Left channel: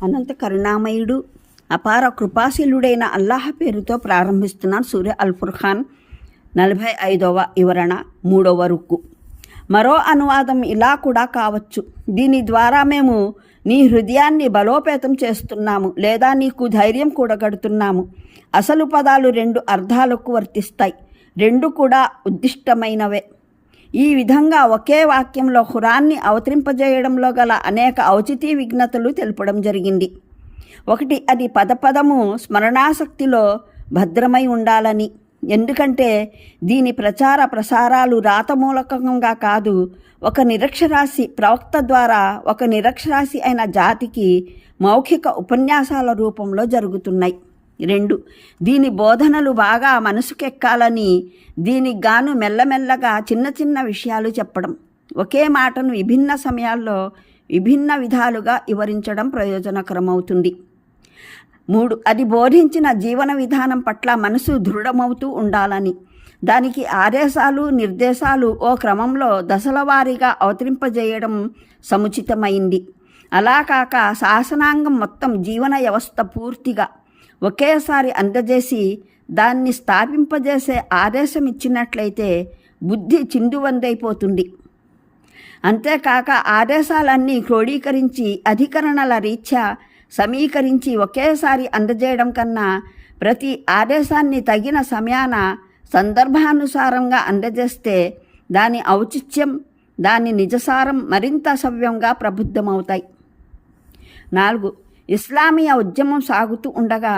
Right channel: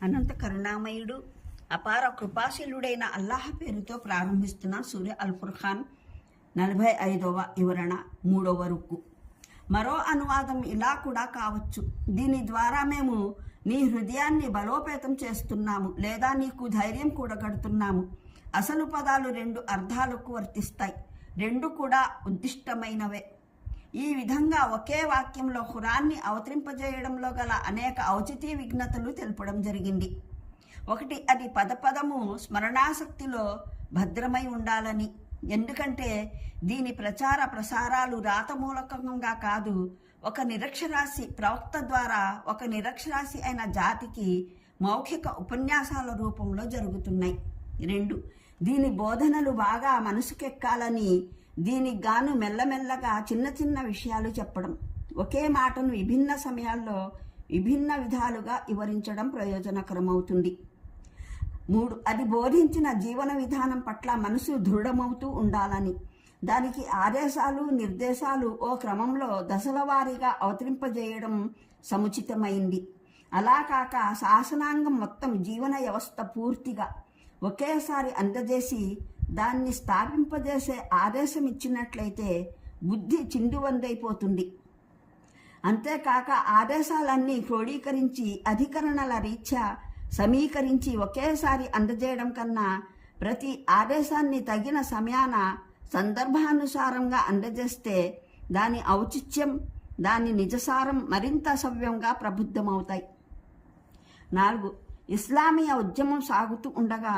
అనంత కరుణామయుడు అపార కృపాశీలుడైన అల్లాహ్ పేరుతో ప్రారంభిస్తున్నాను. సూర్య అల్ ఫుర్ఖాన్ 45వ వివరణ 3వ రుక్కు. మరో అనువాదం ఇలా కూడా కావచ్చు: దీని ద్వారా మేము నీ హృదయాన్ని బలోపేతం చేస్తున్నాము లేదా నీకు ధైర్యం కూడగడుతున్నాము. అసలు పదాలు 2 అర్థాలకు వర్తిస్తాయి, 2 కూడా ఉద్దిష్టమైనవే. ఈ విధంగా ఒకే వాక్యంలో ఖురాన్ని అవతరింపజేయడంలో గల అనేక ఔచితీ విఘ్నతలు తెలపడం జరిగింది. ఒకటి, అది పదపదము స్మరణాశక్తిలో భద్రమై ఉండాలని. ఎందుకంటే దీని ప్రచార ప్రసారాలు రాతమూలకంగా కాదు, ఒక నిరక్షరాస్య ప్రవక్త ద్వారా ఒక నిరక్షరాస్య అయిన జాతికి మౌఖిక ఉపన్యాసాల రూపంలో జరుగుతున్నాయి. 2, దీని బోధనలు బాగా మనసుకెక్కాలని దీనికి గాను మెల్లమెల్లగా చిన్న చిన్న విషయాలు చెప్పడం, ఒకే మాటను విభిన్న సమయాల్లో విభిన్న విధాలుగా వివరించడం ప్రయోజనకరమవుతుంది. 3, అది బోధించిన జీవన విధానం పట్ల మనసు దృఢమవుతూ ఉండాలని. దానికి ఆదేశాలు నిర్దేశాలు ఓ క్రమంలో దశల వారీగా అవతరింపజేయడం సముచితమైంది. అలా కాక శాసనాంగం మొత్తం జీవన వ్యవస్థ పూర్తిగా ఒకేసారి అందజేసి దాన్ని స్థాపింపజేసే ఆదేశం ఇచ్చినట్లయితే బుద్ధి చిందువందైపోతుంది. అంతేకాక ఆదేశాలన్నీ క్రోడీకరించి అధికరణల రీత్యా సమీకరించి ఒకేసారి అందజేయడం కన్నా ప్రతి ఆదేశాన్ని తగిన సమయాన సందర్భానుసారంగా అందజేస్తే దాని ఔచిత్యం, దాని నిజసారం మరింత సవ్యంగా ప్రబుద్ధమవుతాయి. 4, ఇస్లామీయ ఉద్యమం సాగుతూ ఉండగా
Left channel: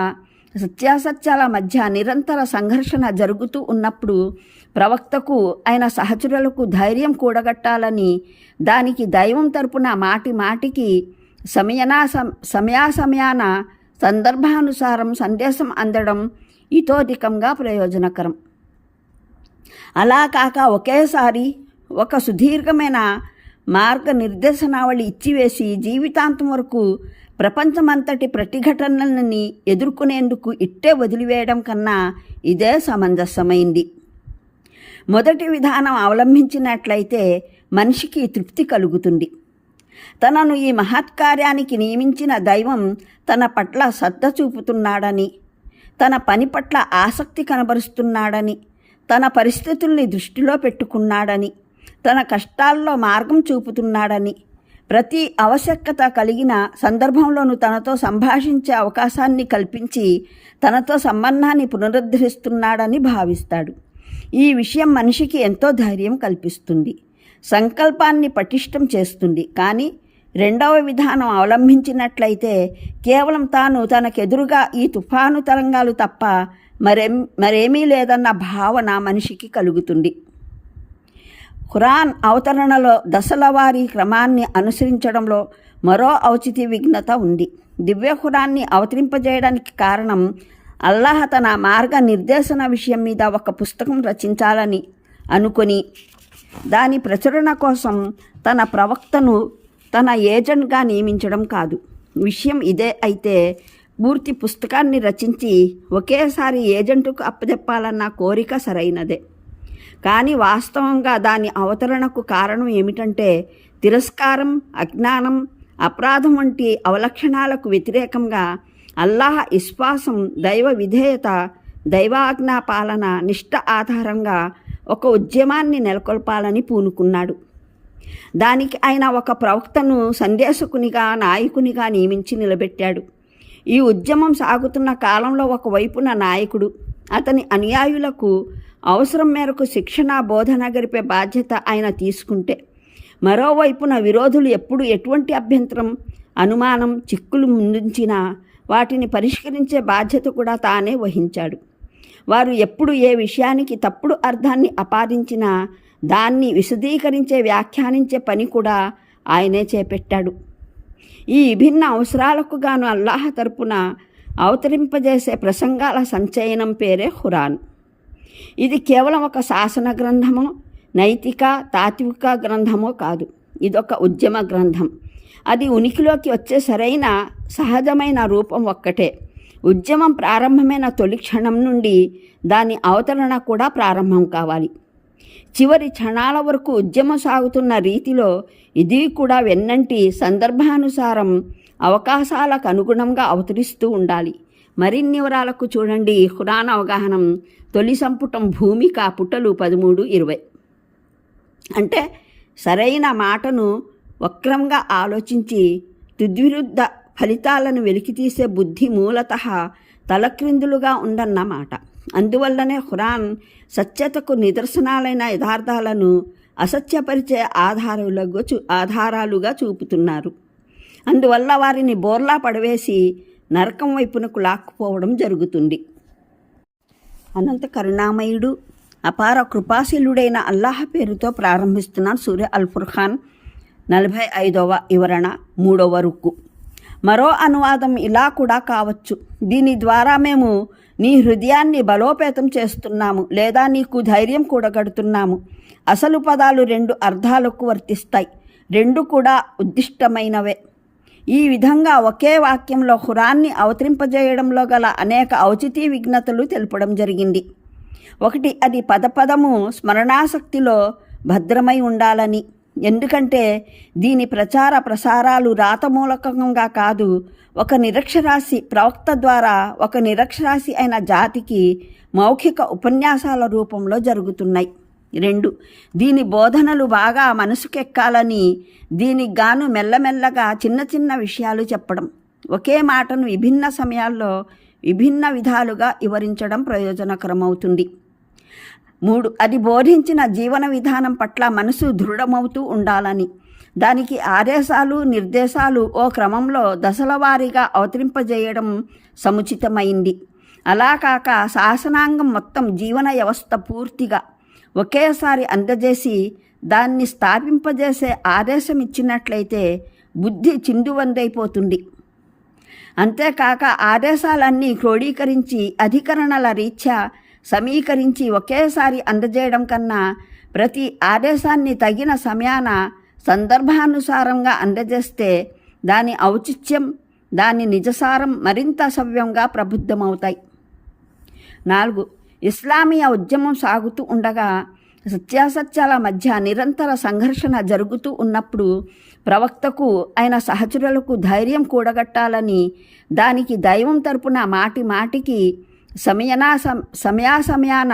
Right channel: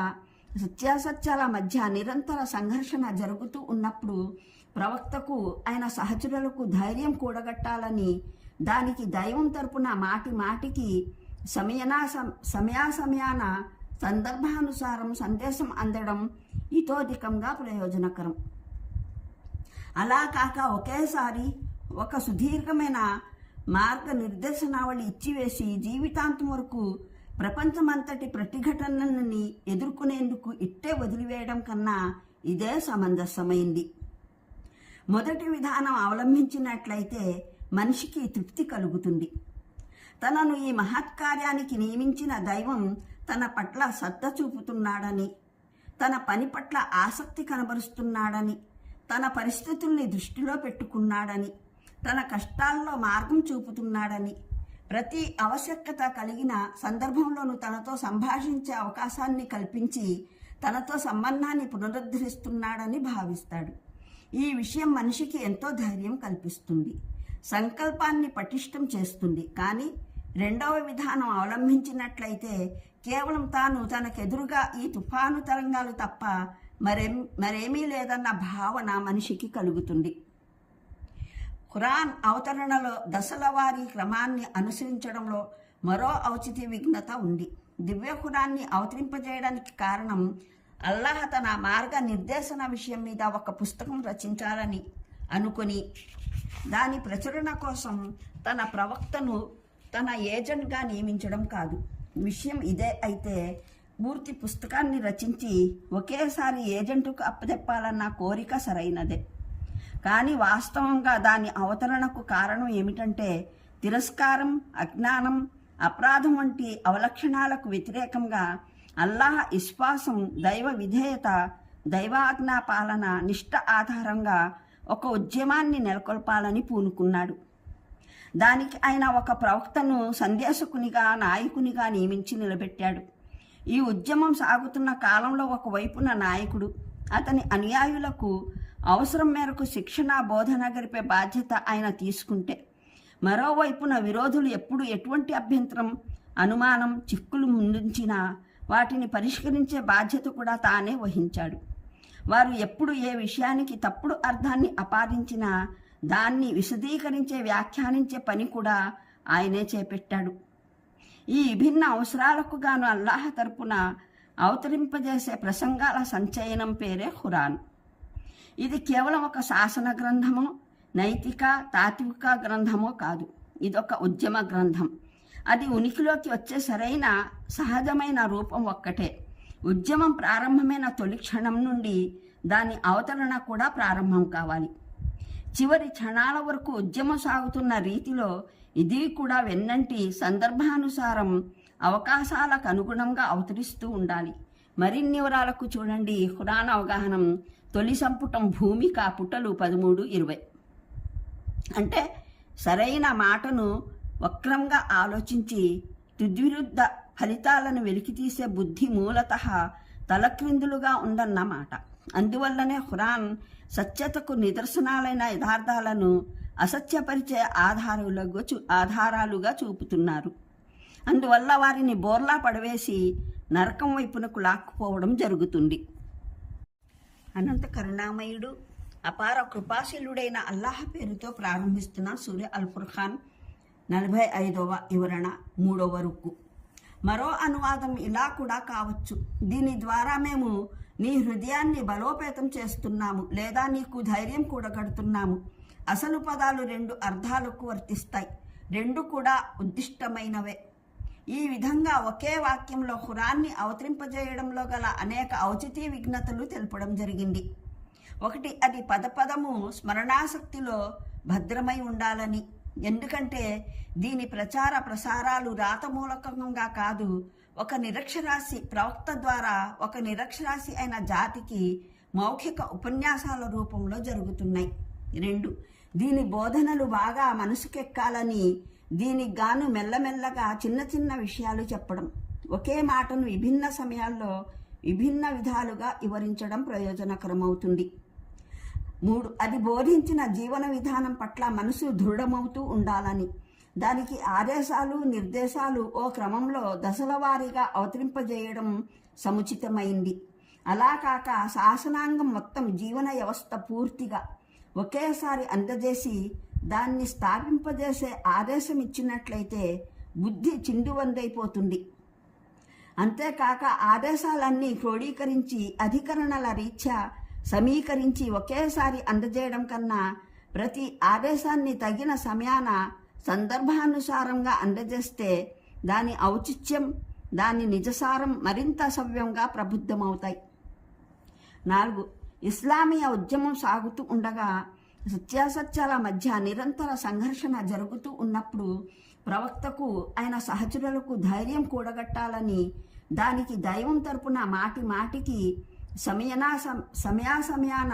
సత్యాసత్యాల మధ్య నిరంతర సంఘర్షణ జరుగుతూ ఉన్నప్పుడు ప్రవక్తకు ఆయన సహచరులకు ధైర్యం కూడగట్టాలని దానికి దైవం తరపున మాటి మాటికి సమయాన సందర్భానుసారం సందేశం అందడం ఇతోధికంగా ప్రయోజనకరం. అలా కాక ఒకేసారి ఒక సుదీర్ఘమైన మార్గనిర్దేశనావళి ఇచ్చివేసి జీవితాంతం వరకు ప్రపంచమంతటి ప్రతిఘటనలని ఎదుర్కొనేందుకు ఇట్టే వదిలివేయడం కన్నా ఇదే సమంజసమైంది. మొదటి విధానం అవలంబించినట్లయితే మనిషికి తృప్తి కలుగుతుంది. తనను ఈ మహత్కార్యానికి నియమించిన దైవం తన పట్ల శ్రద్ధ చూపుతున్నాడని, తన పని పట్ల ఆసక్తి కనబరుస్తున్నాడని, తన పరిస్థితుల్ని దృష్టిలో పెట్టుకున్నాడని, తన కష్టాల్లో మార్గం చూపుతున్నాడని, ప్రతి ఆవశ్యకత కలిగిన సందర్భంలోనూ తనతో సంభాషించే అవకాశాన్ని కల్పించి తనతో సంబంధాన్ని పునరుద్ధరిస్తున్నాడని భావిస్తాడు. ఈ విషయం మనిషికి ఎంతో ధైర్యం కల్పిస్తుంది, సంకల్పాన్ని పటిష్టం చేస్తుంది. కానీ 2వ విధానం అవలంబించినట్లయితే కేవలం తాను తనకెదురుగా ఈ తుఫాను తరంగాలు తప్ప మరేమీ లేదన్న భావన మనిషికి కలుగుతుంది. ఖురాన్ అవతరణలో దశల వారీ క్రమాన్ని అనుసరించడంలో మరో ఔచిత్య విఘ్నత ఉంది. దివ్య ఖురాన్ని అవతరింపజేయడానికి కారణం అల్లాహ్ తన మార్గ నిర్దేశన విషయం మీద ఒక పుస్తకం రచించాలని అనుకొని దాని ప్రచురణ కోసం తన ప్రవక్తను తన ఏజెంట్గా నియమించడం కాదు. విషయం ఇదే అయితే పూర్తి పుస్తకాన్ని రచించి ఒకేసారి ఏజెంటుకు అప్పచెప్పాలన్న కోరిక సరైనదే. కానీ వాస్తవంగా దాని అవతరణకు కారణం ఏమిటంటే తిరస్కారం, అజ్ఞానం, అపరాధం వంటి అవలక్షణాలకు వ్యతిరేకంగా అల్లాహ్ విశ్వాసం, దైవ విధేయత, దైవాజ్ఞా పాలన, నిష్ఠ ఆధారంగా ఒక ఉద్యమాన్ని నెలకొల్పాలని పూనుకున్నాడు. దానికి ఆయన ఒక ప్రవక్తను సందేశకునిగా, నాయకునిగా నియమించి నిలబెట్టాడు. ఈ ఉద్యమం సాగుతున్న కాలంలో ఒకవైపున నాయకుడు అతని అనుయాయులకు అవసరం మేరకు శిక్షణ, బోధన గరిపే బాధ్యత ఆయన తీసుకుంటే, మరోవైపున విరోధులు ఎప్పుడు ఎటువంటి అభ్యంతరం, అనుమానం, చిక్కులు ముందుంచినా వాటిని పరిష్కరించే బాధ్యత కూడా తానే వహించాడు. వారు ఎప్పుడు ఏ విషయానికి తప్పుడు అర్థాన్ని ఆపాదించినా దాన్ని విశదీకరించే, వ్యాఖ్యానించే పని కూడా ఆయనే చేపట్టాడు. ఈ విభిన్న అవసరాలకు గాను అల్లాహ్ తరపున అవతరింపజేసే ప్రసంగాల సంచయనం పేరే ఖురాన్. ఇది కేవలం ఒక శాసన గ్రంథమో, నైతిక తాత్విక గ్రంథమో కాదు. ఇదొక ఉద్యమ గ్రంథం. అది ఉనికిలోకి వచ్చే సరైన సహజమైన రూపం ఒక్కటే. ఉద్యమం ప్రారంభమైన తొలి క్షణం నుండి దాని అవతరణ కూడా ప్రారంభం కావాలి. చివరి క్షణాల వరకు ఉద్యమం సాగుతున్న రీతిలో ఇది కూడా వెన్నంటి సందర్భానుసారం అవకాశాలకు అనుగుణంగా అవతరిస్తూ ఉండాలి. మరిన్ని వివరాలకు చూడండి ఖురాన్ అవగాహనం తొలి సంపుటం భూమిక పుటలు 13-20. అంటే సరైన మాటను వక్రంగా ఆలోచించి తుద్విరుద్ధ ఫలితాలను వెలికితీసే బుద్ధి మూలతః తలక్రిందులుగా ఉందన్నమాట. అందువల్లనే ఖురాన్ సత్యతకు నిదర్శనాలైన యథార్థాలను అసత్యపరిచే ఆధారాలుగా చూపుతున్నారు. అందువల్ల వారిని బోర్లా పడవేసి నరకం వైపునకు లాక్కుపోవడం జరుగుతుంది. అనంత కరుణామయుడు అపార కృపాశీలుడైన అల్లాహ్ పేరుతో ప్రారంభిస్తున్న సూర్య అల్ ఫుర్ఖాన్ 45వ వివరణ 3వ రుక్కు. మరో అనువాదం ఇలా కూడా కావచ్చు: దీని ద్వారా మేము నీ హృదయాన్ని బలోపేతం చేస్తున్నాము లేదా నీకు ధైర్యం కూడగడుతున్నాము. అసలు పదాలు 2 అర్థాలకు వర్తిస్తాయి, 2 కూడా ఉద్దిష్టమైనవే. ఈ విధంగా ఒకే వాక్యంలో ఖురాన్ని అవతరింపజేయడంలో గల అనేక ఔచితీ విఘ్నతలు తెలపడం జరిగింది. ఒకటి, అది పదపదము స్మరణాశక్తిలో భద్రమై ఉండాలని. ఎందుకంటే దీని ప్రచార ప్రసారాలు రాతమూలకంగా కాదు, ఒక నిరక్షరాస్య ప్రవక్త ద్వారా ఒక నిరక్షరాస్య అయిన జాతికి మౌఖిక ఉపన్యాసాల రూపంలో జరుగుతున్నాయి. 2, దీని బోధనలు బాగా మనసుకెక్కాలని దీనికి గాను మెల్లమెల్లగా చిన్న చిన్న విషయాలు చెప్పడం, ఒకే మాటను విభిన్న సమయాల్లో విభిన్న విధాలుగా వివరించడం ప్రయోజనకరమవుతుంది. 3, అది బోధించిన జీవన విధానం పట్ల మనసు దృఢమవుతూ ఉండాలని. దానికి ఆదేశాలు నిర్దేశాలు ఓ క్రమంలో దశల వారీగా అవతరింపజేయడం సముచితమైంది. అలా కాక శాసనాంగం మొత్తం జీవన వ్యవస్థ పూర్తిగా ఒకేసారి అందజేసి దాన్ని స్థాపింపజేసే ఆదేశం ఇచ్చినట్లయితే బుద్ధి చిందువందైపోతుంది. అంతేకాక ఆదేశాలన్నీ క్రోడీకరించి అధికరణల రీత్యా సమీకరించి ఒకేసారి అందజేయడం కన్నా ప్రతి ఆదేశాన్ని తగిన సమయాన సందర్భానుసారంగా అందజేస్తే దాని ఔచిత్యం, దాని నిజసారం మరింత సవ్యంగా ప్రబుద్ధమవుతాయి. 4, ఇస్లామీయ ఉద్యమం సాగుతూ ఉండగా సత్యాసత్యాల మధ్య నిరంతర సంఘర్షణ జరుగుతూ ఉన్నప్పుడు ప్రవక్తకు ఆయన సహచరులకు ధైర్యం కూడగట్టాలని దానికి దైవం తరపున మాటి మాటికి సమయాన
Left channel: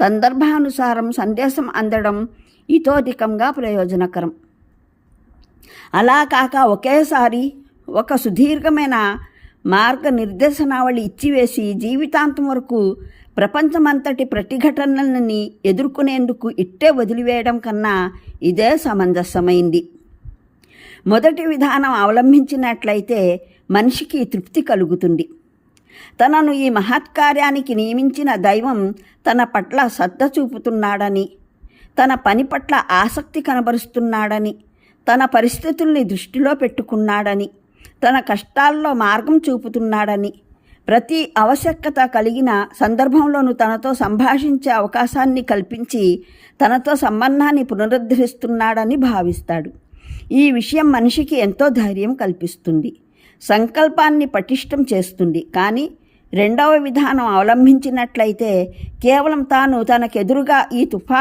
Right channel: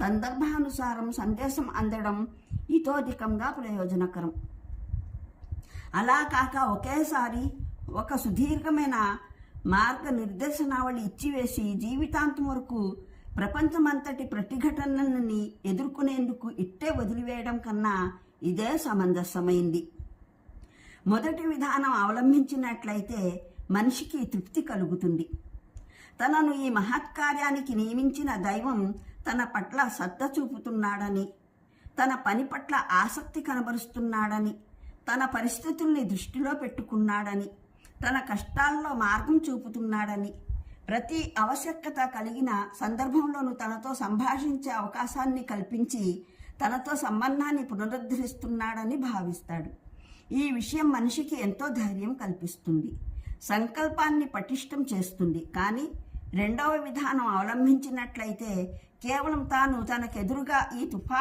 సందర్భానుసారం సందేశం అందడం ఇతోధికంగా ప్రయోజనకరం. అలా కాక ఒకేసారి ఒక సుదీర్ఘమైన మార్గనిర్దేశనావళి ఇచ్చివేసి జీవితాంతం వరకు ప్రపంచమంతటి ప్రతిఘటనలని ఎదుర్కొనేందుకు ఇట్టే వదిలివేయడం కన్నా ఇదే సమంజసమైంది. మొదటి విధానం అవలంబించినట్లయితే మనిషికి తృప్తి కలుగుతుంది. తనను ఈ మహత్కార్యానికి నియమించిన దైవం తన పట్ల శ్రద్ధ చూపుతున్నాడని, తన పని పట్ల ఆసక్తి కనబరుస్తున్నాడని, తన పరిస్థితుల్ని దృష్టిలో పెట్టుకున్నాడని, తన కష్టాల్లో మార్గం చూపుతున్నాడని, ప్రతి ఆవశ్యకత కలిగిన సందర్భంలోనూ తనతో సంభాషించే అవకాశాన్ని కల్పించి తనతో సంబంధాన్ని పునరుద్ధరిస్తున్నాడని భావిస్తాడు. ఈ విషయం మనిషికి ఎంతో ధైర్యం కల్పిస్తుంది, సంకల్పాన్ని పటిష్టం చేస్తుంది. కానీ రెండవ విధానం అవలంబించినట్లయితే కేవలం తాను తనకెదురుగా ఈ తుఫాను